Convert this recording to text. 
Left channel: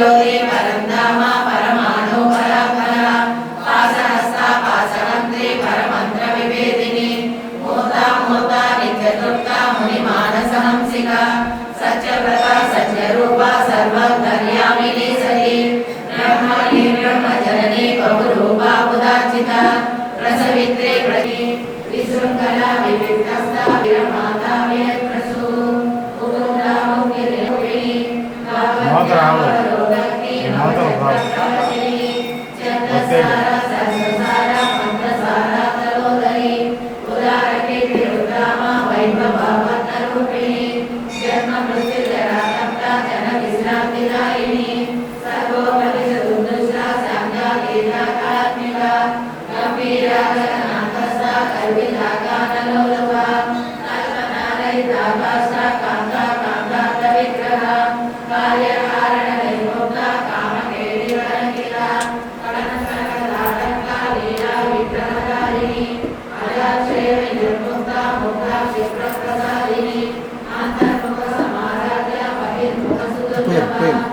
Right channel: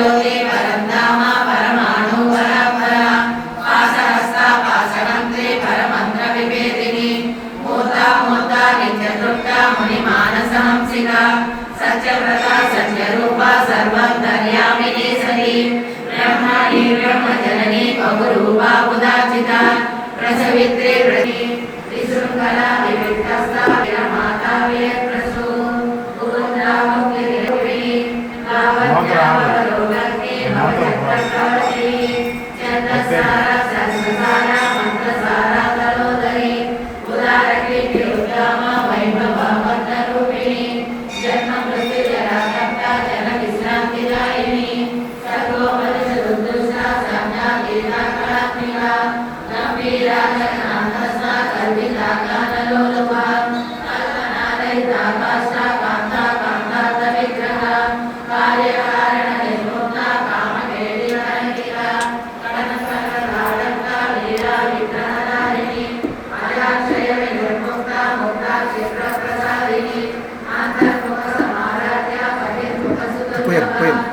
ज्योति परंधाम परमाणु परापरा पाशहस्ता पाशमंत्री परमंत्र विभेदिनी मूर्ता मूर्ता नित्यतृप्ता मुनिमानसहंसिका सत्यव्रता सत्यरूपा सर्वधर्यामिनी सती ब्रह्मणी ब्रह्मजननी बहुरूपा उदाचिता रसविद्रे व्रती विशृंखला विविधस्ता वीरमाता वीरप्रसू उरुद्रामुखिरूपिणी भावज्ञावरोगग्नि नवचक्रप्रवर्तिनी चन्द्रसारा सत्सारा मंत्रसारा तलोदरी उदारकीर्ति उद्दामा वैभववर्णरूपिणी जन्म मृत्यु जराकर्ता जन विश्रान्तिदायिनी सर्वोपरि चतुर्दशा संज्ञा गीताकात्मिका गंभीरा जनान्तस्था कल्पिताकानलोलुवा कल्पनारहिताकाष्ठा कान्ता कान्तार्थविग्रहा कार्यकारणनिर्मुक्ता कामकेलिकरञ्जिता कणनकनकधारक्ता लीला विग्रहधारिणी अजाक्षय विनिर्मुक्ता मुक्ता क्षिप्रप्रसादिनी अंतर्मुख समाराध्या बहिर्मुख सुतुल्यः